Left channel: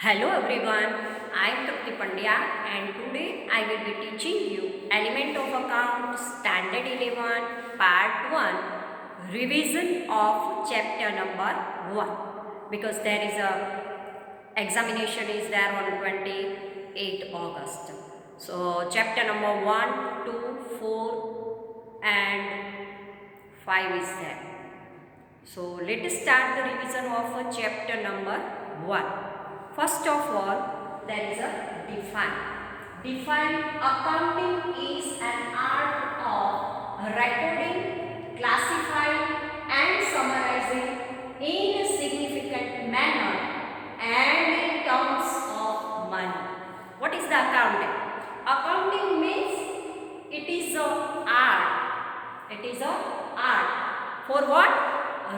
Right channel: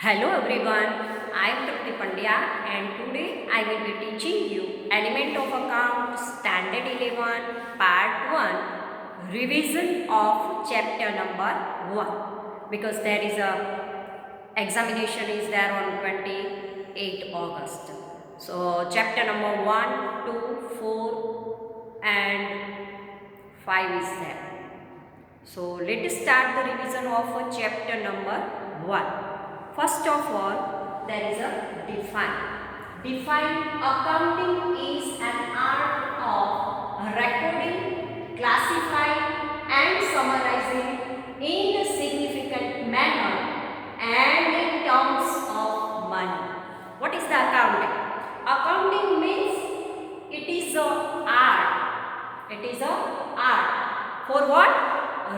Hello everyone, I am Trupti Pandya and today I will be teaching you Element of Account Standard 11 Part 1 Revision of Chapter number 1 because there is a examination is there on 28 August. So chapter number 1, 2, 4 and 5 is there. So let us start the revision of chapter number 1. First of all, there is a define. Define accounting is an art of recording, classifying and summarizing in a significant manner and in terms of money. What is the accounting? Accounting means it is a art. It is a art. For what?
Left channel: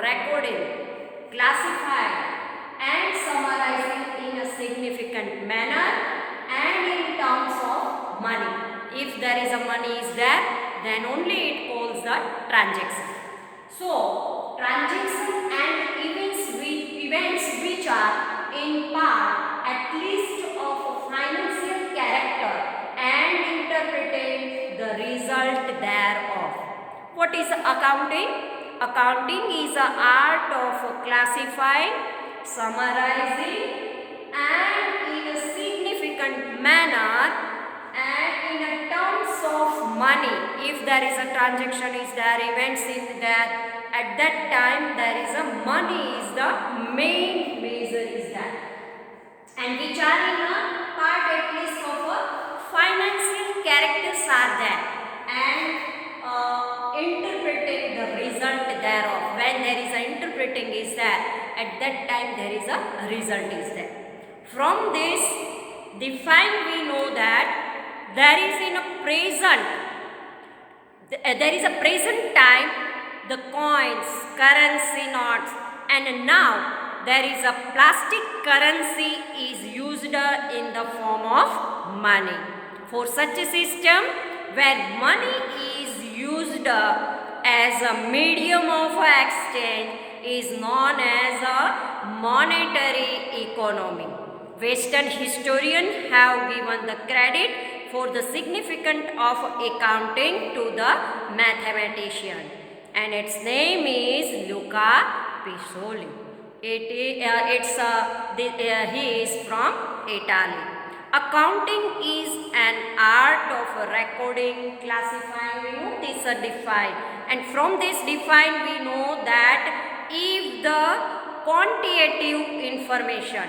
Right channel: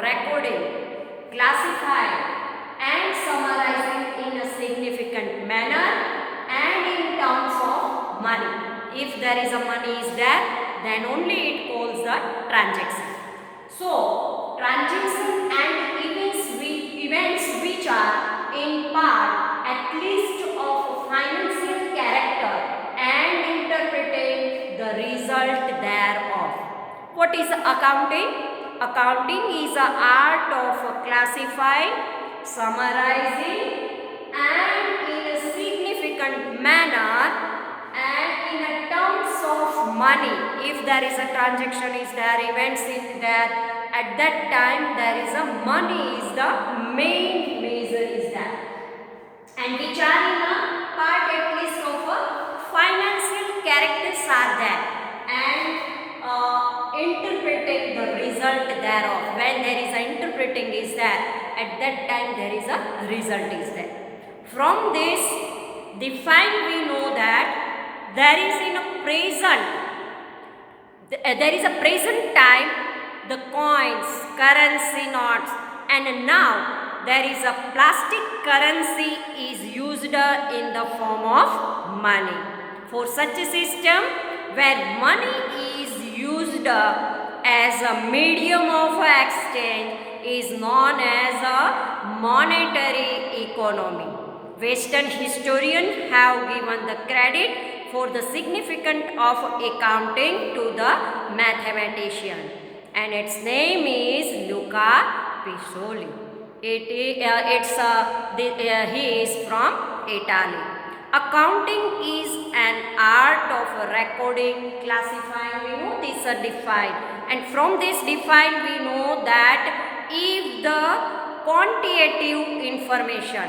Recording, classifying and summarizing in a significant manner and in terms of money. If there is a money is there, then only it calls the transaction. So, transaction and events which are in part at least of financial character and interpreting the result thereof. What is accounting? Accounting is the art of classifying, summarizing and in a significant manner and in a terms of money. If there is a transaction is there, events is there, at that time there is a money is the main measure is there, and which are in a part at least of a financial characters are there and interpreting the result thereof. When there is a interpreting is there, at that time there is a result is there. From this define we know that there is in a present, there is a present time the coins, currency notes, and now there is a plastic currency is used in the form of money. For such a system where money is used as a medium of exchange is known as a monetary economy. Western historians have given the credit for the significance of accounting to the mathematician, and its name is Luca Pisoli. He is from Italy. Accounting is an art of recording, classifying. We know this are defined, and from this define we know that if the quantitative information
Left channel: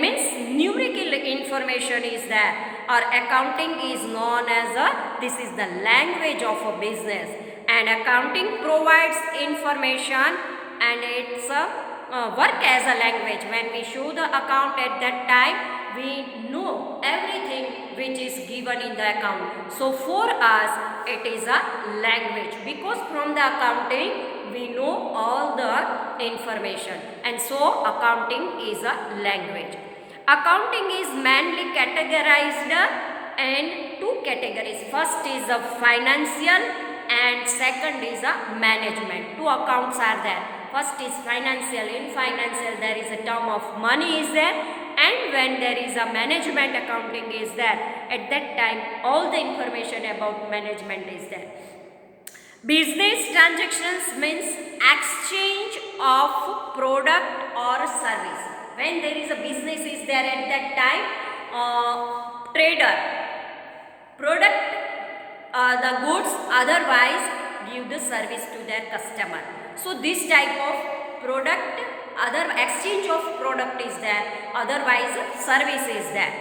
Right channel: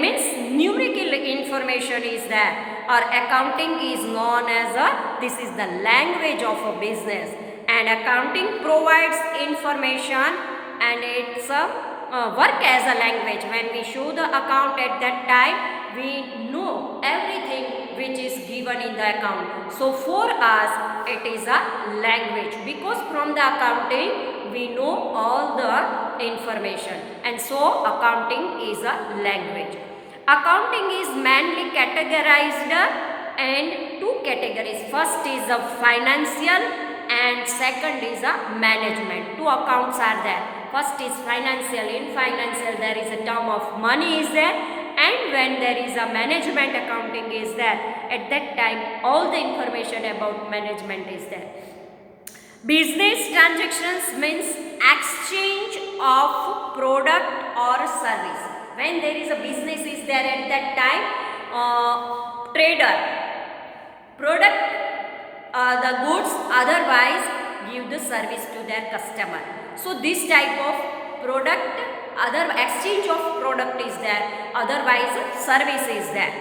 means numerical information is there, or accounting is known as this is the language of a business, and accounting provides information and it's work as a language. When we show the account at that time, we know everything which is given in the account. So for us it is a language, because from the accounting we know all the information, and so accounting is a language. Accounting is mainly categorized in two categories. First is a financial and second is a management. Two accounts are there. First is financial. In financial there is a term of money is there, and when there is a management accounting is there, at that time all the information about management is there. Business transactions means exchange of product or service. When there is a business is there, at that time trader product the goods, otherwise give the service to their customer. So this type of product, other exchange of product is there, otherwise service is there,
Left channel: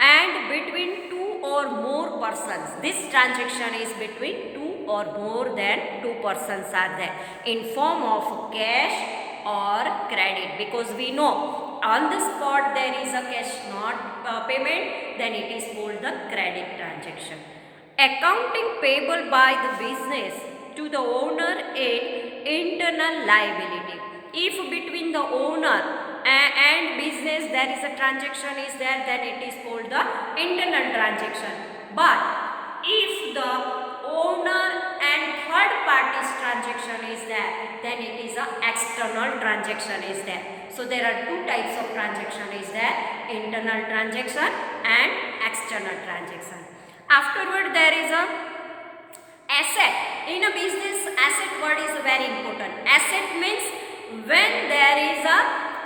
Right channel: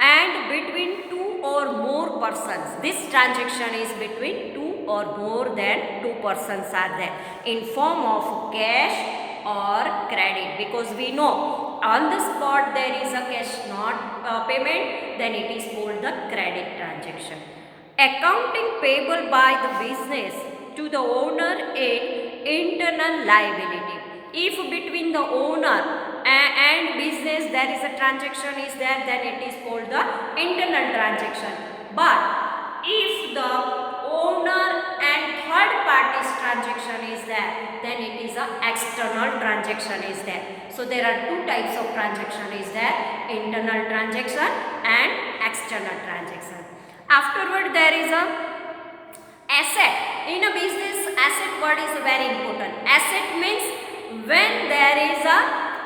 and between two or more persons. This transaction is between two or more than two persons are there in form of cash or credit, because we know on the spot there is a cash not payment, then it is called the credit transaction. Accounting payable by the business to the owner in internal liability. If between the owner and business there is a transaction is there, then it is called the internal transaction. But if the owner and third party's transaction is there, then it is a external transaction is there. So there are two types of transaction is there, internal transaction and external transaction. Afterward there is a asset. In a business, asset word is very important. Asset means when there is a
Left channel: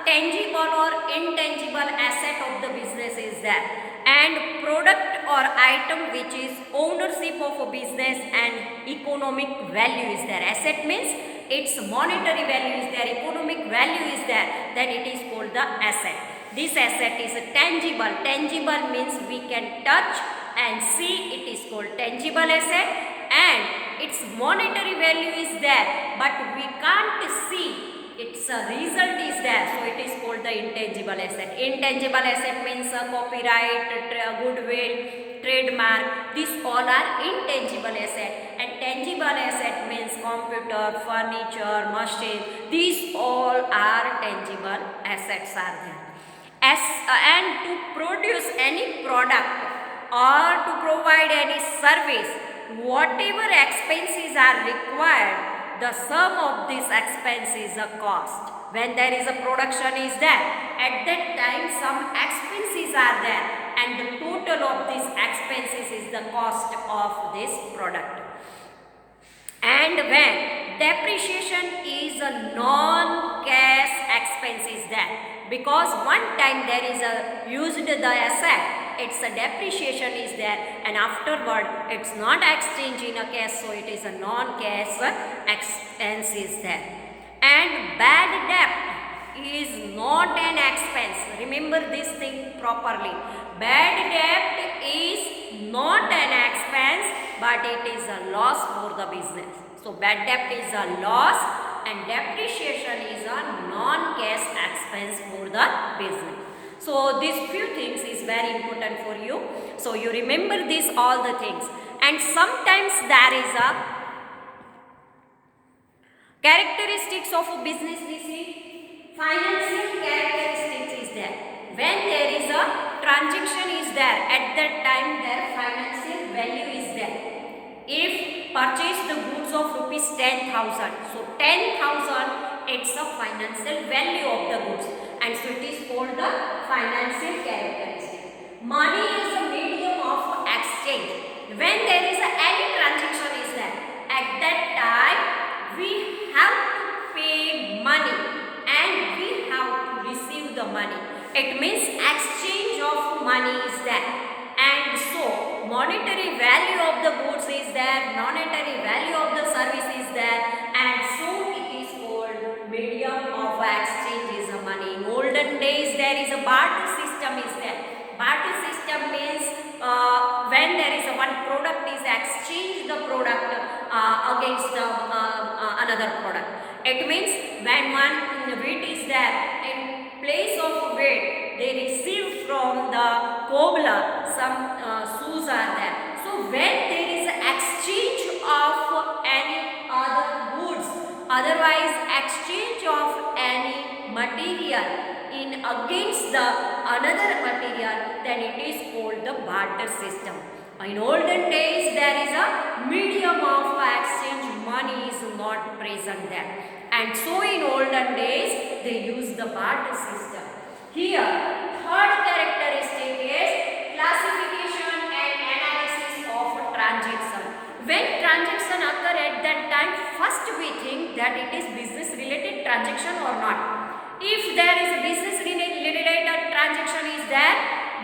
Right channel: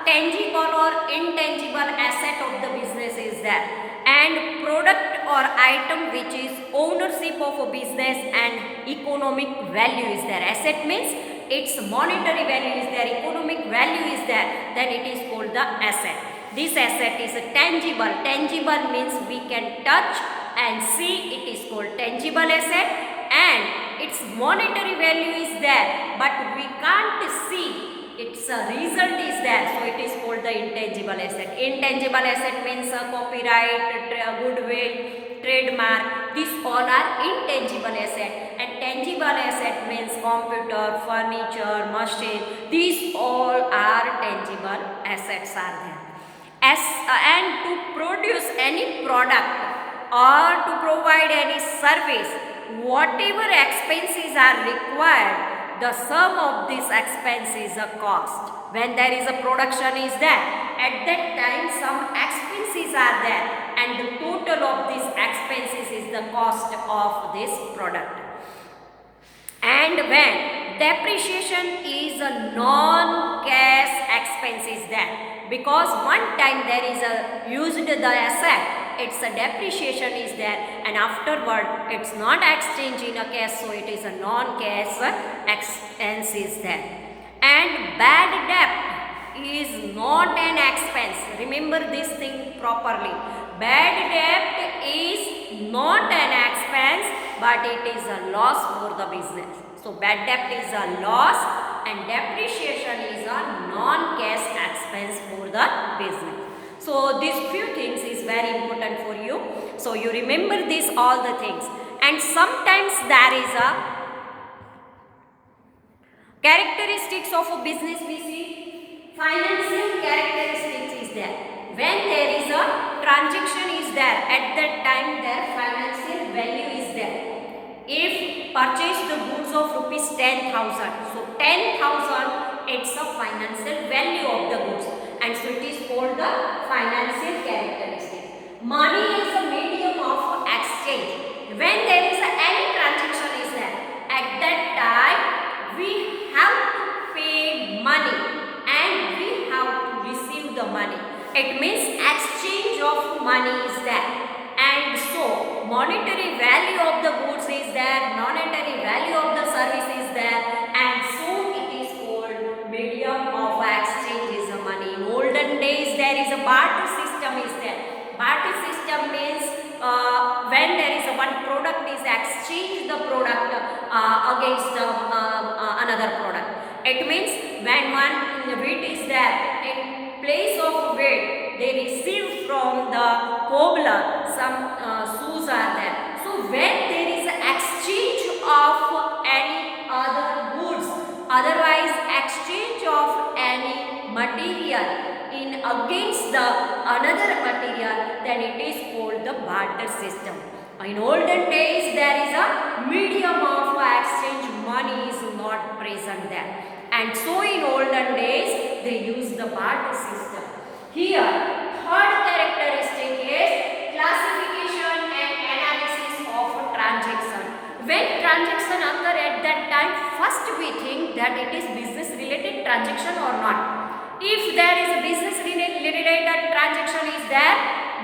tangible or intangible asset of the business is there, and product or item which is ownership of a business and economic value is there. Asset means its monetary value is there, economic value is there, then it is called the asset. This asset is a tangible. Tangible means we can touch and see, it is called tangible asset, and its monetary value is there but we can't see, its result is there, so it is called the intangible asset. Intangible asset means copyright, goodwill, trademark, these all are intangible asset, and tangible asset means computer, furniture, machine, these all are tangible assets are there. And to produce any product or to provide any service, whatever expenses are required, the sum of this expense is a cost. When there is a production is there, at that time some expenses are there, and the total of these expenses is the cost of this product. And when depreciation is a non-cash expense is there, because one time there is a used the asset, its a depreciation is there, and afterward it's not exchanged in a cash, so it is a non-cash expense is there. And bad debt is not an expense. Remember this thing properly. Bad debt is not an expense, but it is a loss for the business. So bad debt is a loss and depreciation is a non-cash expense for the business. So these few things is very important for you. So you remember this all the things. And sometimes there is a characteristics of a business we see. Financial characteristics is there. When there is a transaction is there, at that time their financial value is there. If purchase the goods of rupees 10,000, so 10,000 it's a financial value of the goods, and so it is called the financial characteristic. Money is a medium of exchange. When there is any transaction is there, at that time we have to pay money and we have to receive the money. It means exchange of money is there, and so monetary value of the goods is there, monetary value of the service is there, and so it is called medium of exchange is a money. In olden days there is a barter system is there. Barter system means when there is a one product is exchange the product against another product. It means when one wheat is there, in place of wheat they receive from the cobbler some shoes are there. So when there is an exchange of any other goods, otherwise exchange of any material in against the another material, then it is called the barter system. In olden days there is a medium of exchange, money is not present there, and so in olden days they use the barter system. Here third characteristic is classification and analysis of transaction. When transaction occur at that time, first we think that it is business related transaction or not. If there is a business related transaction is there,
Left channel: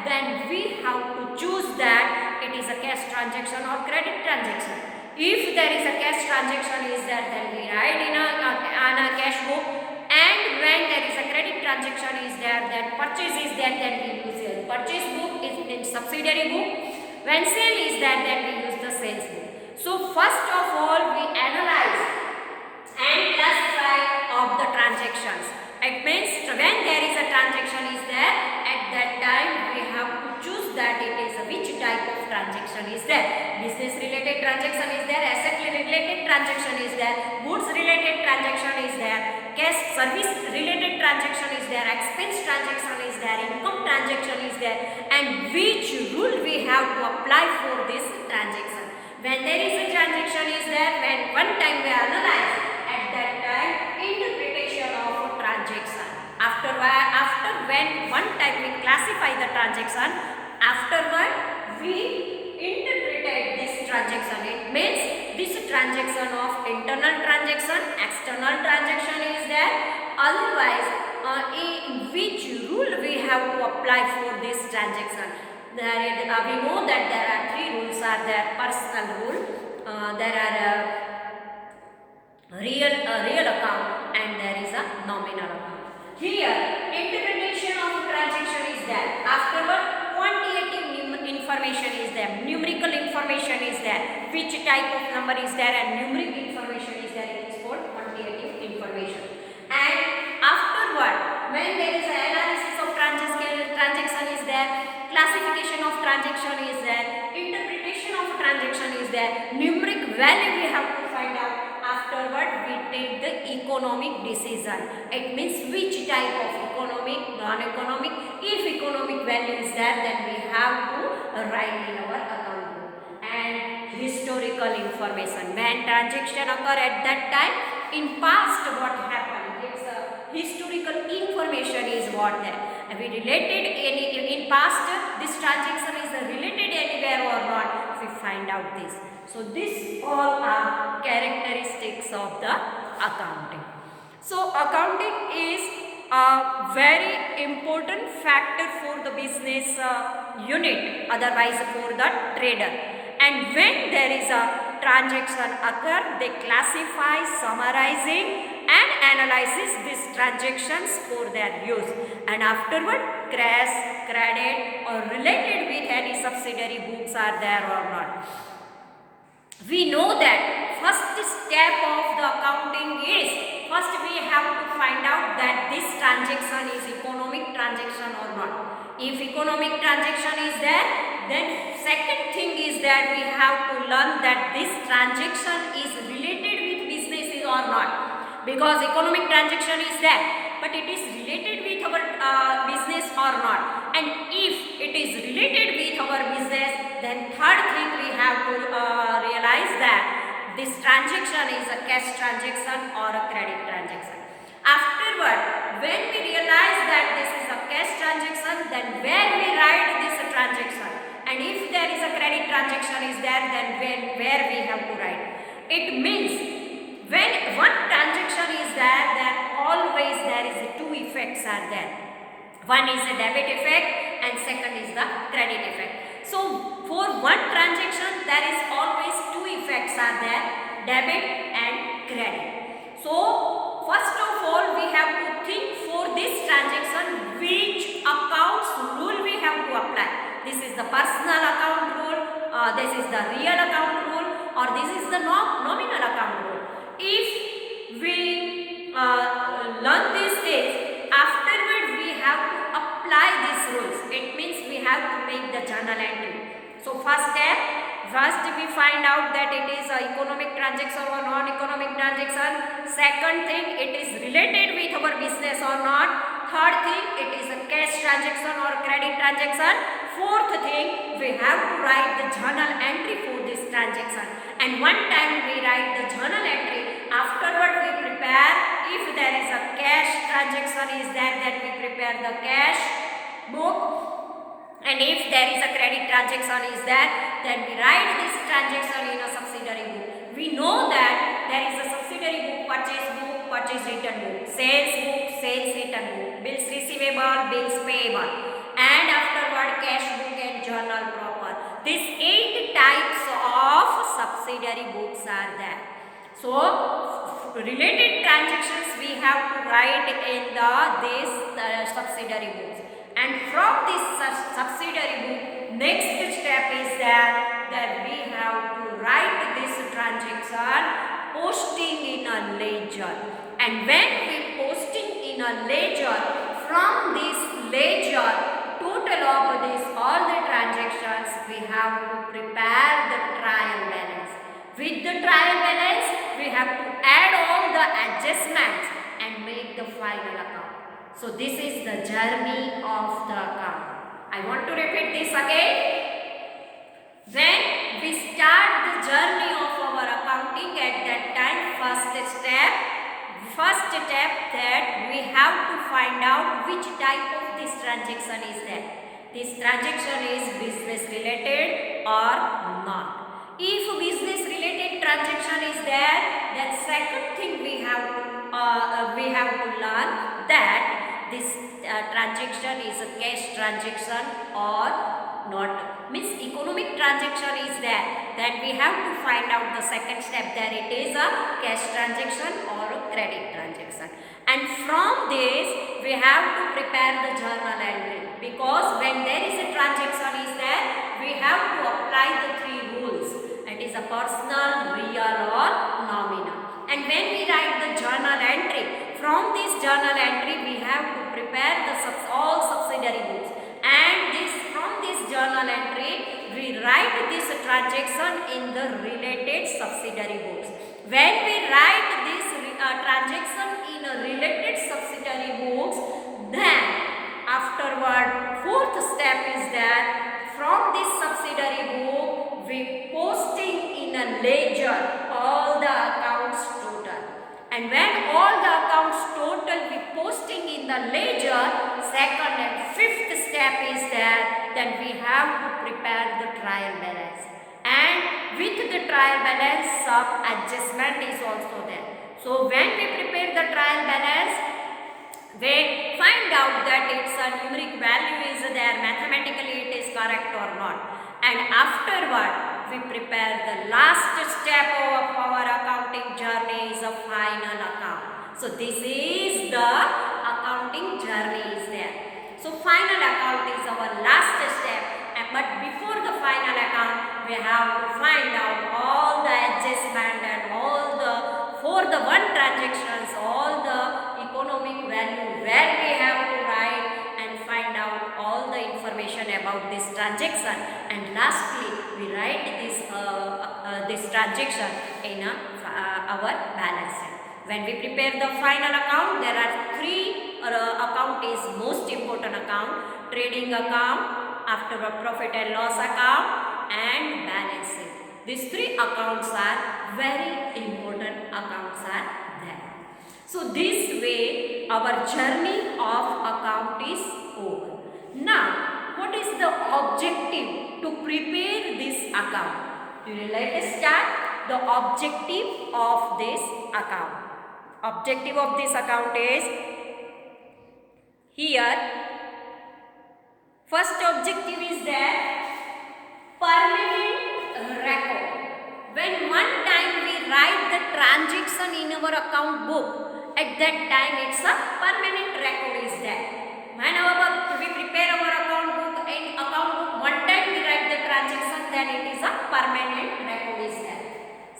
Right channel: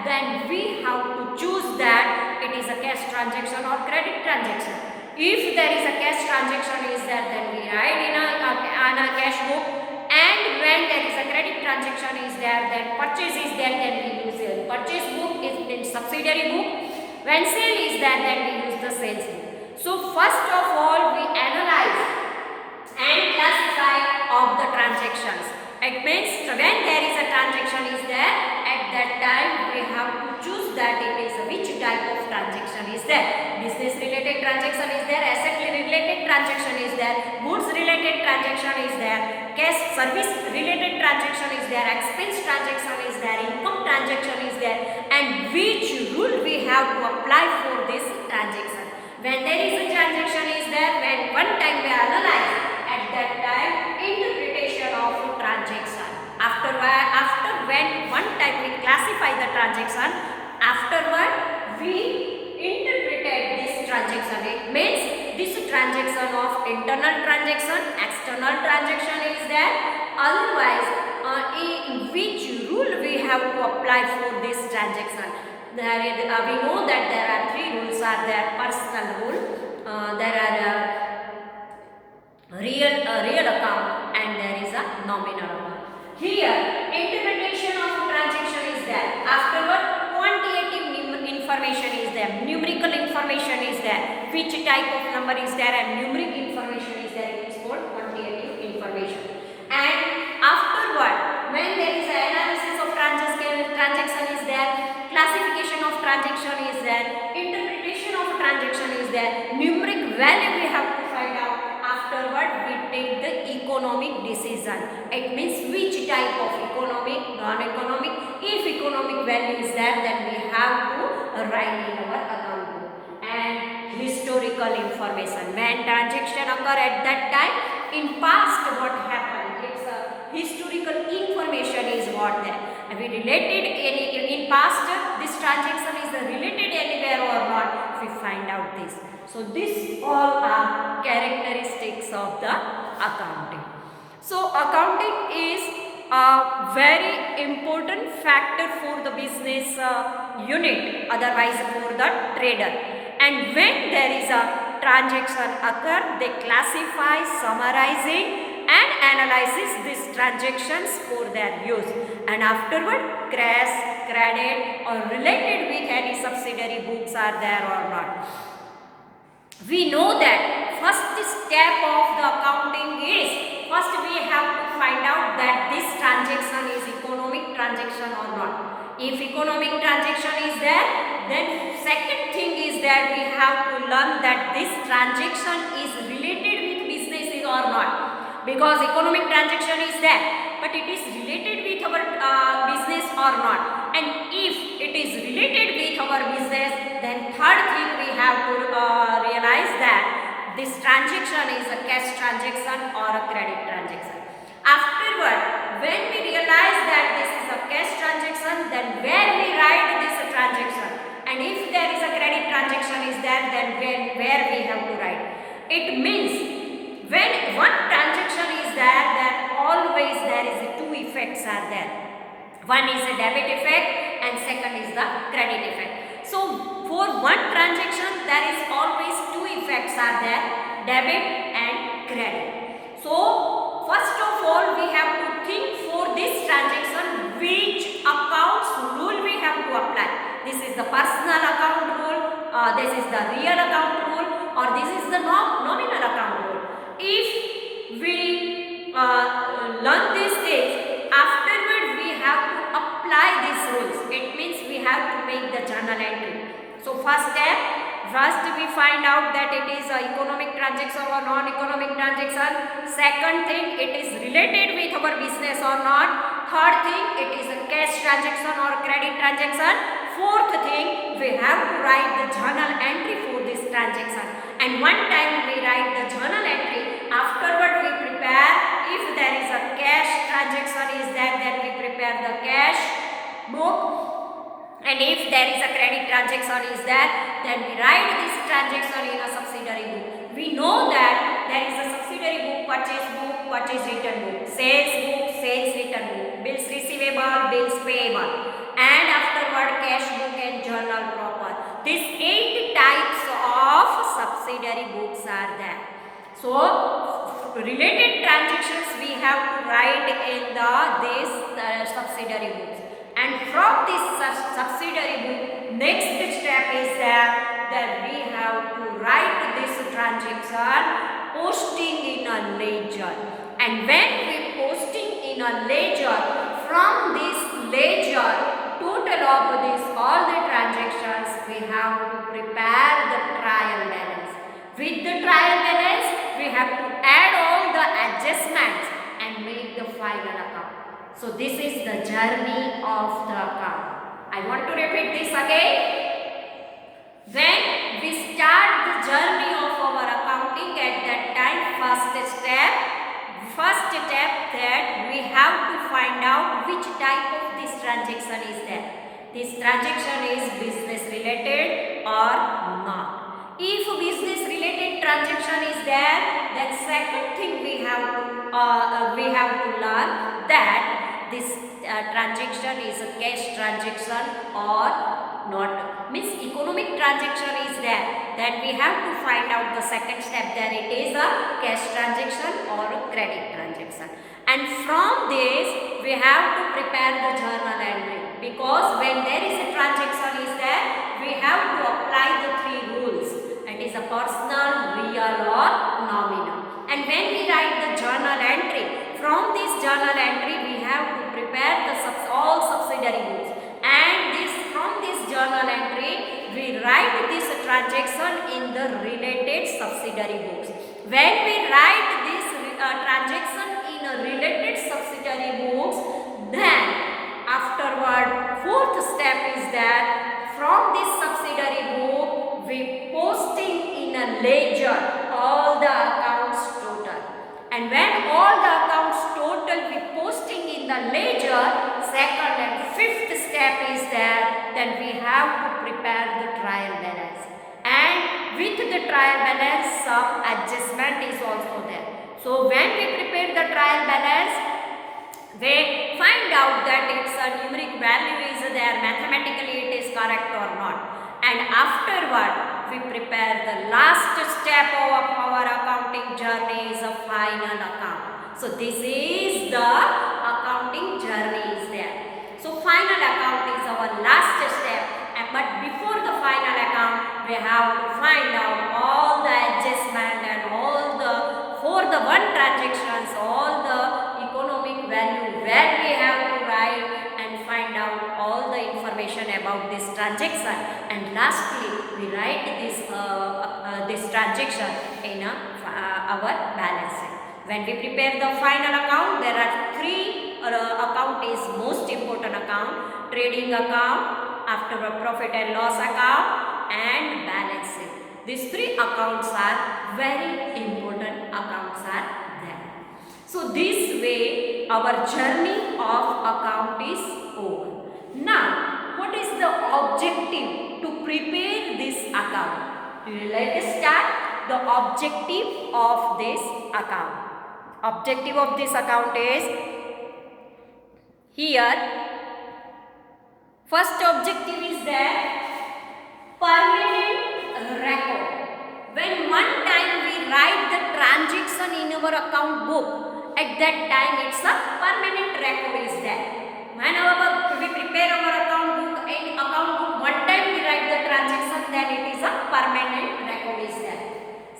then we have to choose that it is a cash transaction or credit transaction. If there is a cash transaction is there, then we write in a cash book, and when there is a credit transaction is there, then purchase is there, then we use a purchase book in subsidiary book. When sale is there, then we use the sales book. So first of all we analyze and classify of the transactions. It means when there is a transaction is there, at that time we have to choose that it is which type of transaction is there. Business related transaction is there, asset related transaction is there, goods related transaction is there, cash service related transaction is there, expense transaction is there, income transaction is there, and which rule we have to apply for this transaction. When there is a transaction is there, when one time we analyze, at that time interpretation of transaction. After when one time we classify the transaction, afterward we interpreted this transaction. It means this transaction of internal transaction, external transaction is there. Otherwise, in which rule we have to apply for this transaction? There is, we know that there are three rules are there. Personal rule, there are real account, and there is a nominal account. Here interpretation of transaction is there. Afterward quantitative information is there, numerical information is there, which type of number is there, and numeric information is there. It is called quantitative information. And afterward, when there is an analysis of transaction is there, classification of transaction is there, interpretation of transaction is there, numeric value we have to find out. Afterward we take the economic decision. It means which type of economic, non-economic. If economic value is there, then we have to write in our account book. And historical information, when transaction occur at that time, in past what happened, it's a historical information is what there. And we related in past, this transaction is related anywhere or not, we find out this. So this all are characteristics of the accounting. So accounting is a very important factor for the business unit, otherwise for the trader. And when there is a transaction occur, they classify, summarizing and analyzes these transactions for their use. And afterward, cash, credit or related with any subsidiary books are there or not. We know that first step of the accounting is, first we have to find out that this transaction is economic transaction or not. If economic transaction is there, then second thing is that we have to learn that this transaction is related with businesses or not. Because economic transaction is there, but it is related with our business or not. And if it is related with our business, then third thing we have to realize that this transaction is a cash transaction or a credit transaction. Afterward, when we realize that this is a cash transaction, then where we write this transaction, and if there is a credit transaction is there, then where we have to write. It means when one transaction is there, then always there is two effects are there. One is a debit effect and second is the credit effect. So for one transaction there is always two effects are there, debit and credit. So first of all we have to think for this transaction which accounts rule we have to apply. This is the personal account rule, this is the real account rule, or this is the nominal account rule. If we learn these things, afterward we have to apply these rules. It means we have to make the journal entry. So first step, first we find out that it is a economic transaction or non-economic transaction. Second thing, it is related with our business or not. Third thing, it is a cash transaction or credit transaction. Fourth thing, we have to write the journal entry for this transaction. And one time we write the journal entry, afterward we prepare, if there is a cash transaction is there, then we prepare the cash book. And if there is a credit transaction is there, then we write this transaction in a subsidiary book. We know that there is a subsidiary book, purchase return book, sales book, sales return book, bills receivable, bills payable, and afterward cash book and journal proper. These 8 types of subsidiary books are there. So related transactions we have to write in this subsidiary books. And from this subsidiary book, next step is that we have to write this transaction posting in a ledger. And when we posting in a ledger, from this ledger, total of this all the transactions, we have to prepare the trial balance. With the trial balance, we have to add all the adjustments and make the final account. So this is the journey of the account. I want to repeat this again. When we start the journey of our accounting, at that time, first step that we have to find out which type of this transaction is there. This transaction is business related or not. If business related transaction is there, then second thing we have to learn that this transaction is a cash transaction or not. Means economic transaction is there, then we have to find out the second step, that it is a cash transaction or a credit transaction. And from this we have to prepare the journal entry, because when there is a transaction is there, we have to apply the three rules, that is a personal, real or nominal. And when we write the journal entry, from this journal entry we have to prepare the all subsidiary books, and from this journal entry we write this transaction in the related subsidiary books. When we write this transaction in a related subsidiary books, then afterward fourth step is that from this subsidiary book we posting in a ledger all the accounts total. And when all the accounts total we posting in the ledger, second and fifth step is that then we have to prepare the trial balance. And with the trial balance, some adjustment is also there. So when we prepare the trial balance, they find out that its a numeric value is there, mathematically it is correct or not. And afterward we prepare the last step of our accounting journey, is a final account. So this is the accounting journey is there. So final account is our last step, but before the final account we have to find out all the adjustment and all the for the one transactions, all the economic value where we have to write and find out all the information about this transaction. And lastly we write this transaction in our balance sheet. When we prepare the final account, there are three account is most important account: trading account, after profit and loss account, and balance sheet. These three accounts are very important accounts are there. So this way our journey of account is over. Now what is the objective to prepare this account? Let us start the objective of this account. Objective of this account is here. First objective is that permanent record. When one time we write the transaction in our account book, at that time it's a permanent record is there. Whenever we prepare our account book, one time we write the transaction, then it is a permanent record is there.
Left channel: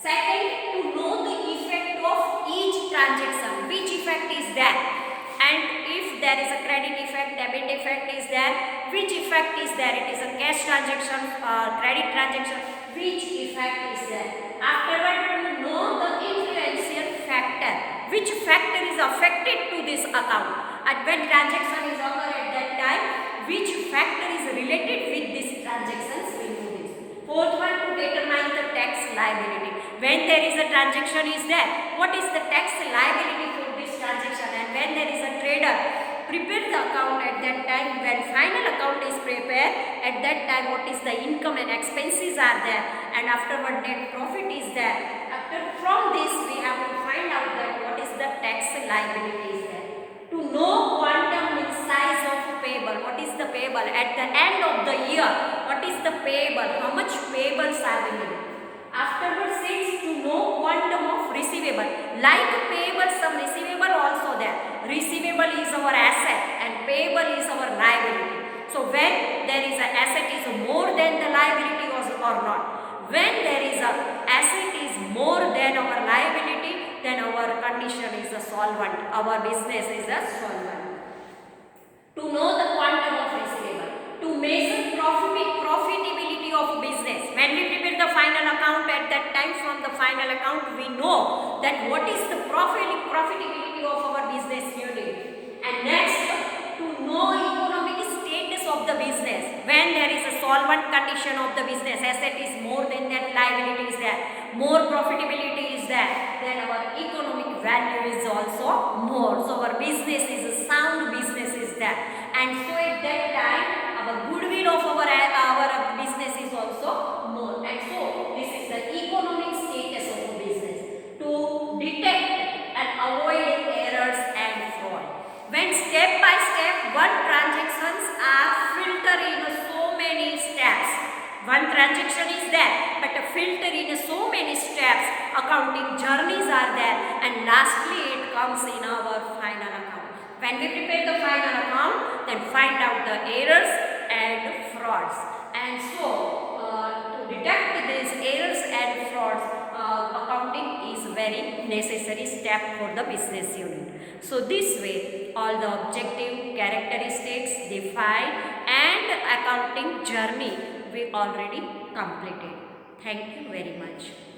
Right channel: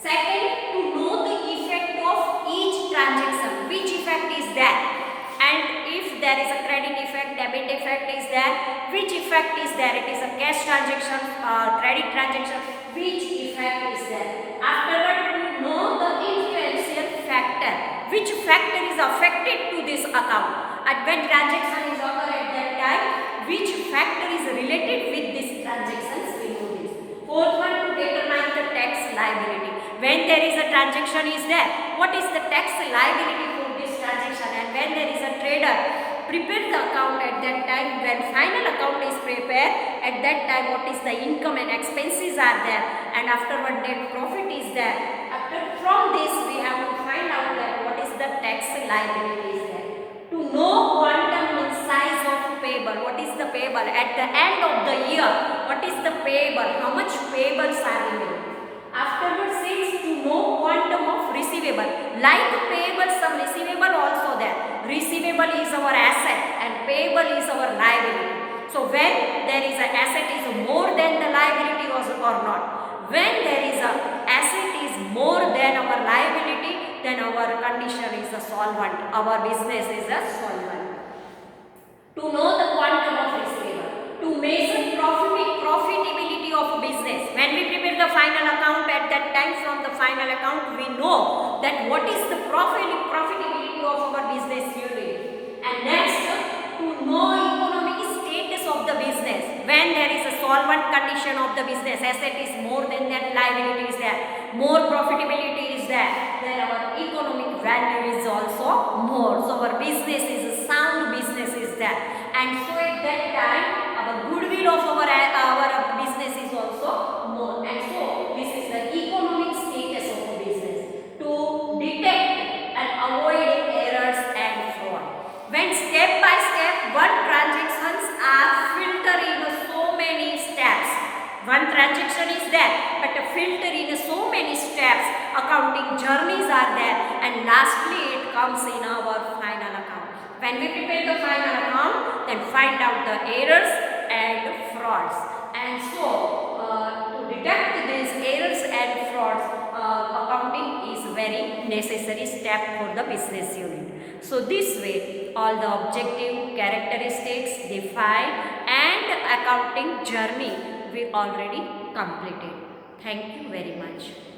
Second, to know the effect of each transaction, which effect is there. And if there is a credit effect, debit effect is there, which effect is there? It is a cash transaction, credit transaction, which effect is there? Afterward, to know the influential factor, which factor is affected to this account. And when transaction is occurred at that time, which factor is related with this transactions, we know this. Fourth one, to determine the tax liability. When there is a transaction is there, what is the tax liability for this transaction? And when there is a trader, prepare the account at that time. When final account is prepared, at that time what is the income and expenses are there, and afterward net profit is there. From this we have to find out that what is the tax liability is there. To know quantum means size of payable. What is the payable? At the end of the year, what is the payable? How much payables are remaining? Afterwards says to know quantum of receivable. Like payable, some receivable also there. Receivable is our asset and payable is our liability. So when there is an asset is more than the liability or not. When there is a asset is more than our liability, then our condition is a solvent. Our business is a solvent. To know the quantum of receivable. To measure profitability of business. When we prepare the final account, at that time from the final account we know that what is the profitability of our business unit. And next, to know economic status of the business. when there is a solvent condition of the business, asset is more than that, liability is there, more profitability is there, then our economic value is also more. So our business is a sound business is there, and so at that time our goodwill of our business is also more. And so this is the economic status of a business, to detect and avoid errors and fraud. When step by step one transactions are filtered in so many steps, one transaction is there but a filter in so many steps, accounting journeys are there, and lastly it comes in our final account. When we prepare the final account, then find out the errors and frauds. And so to detect these errors and frauds, accounting is very necessary step for the business unit. So this way all the objective, characteristics, define and accounting journey we already completed. Thank you very much.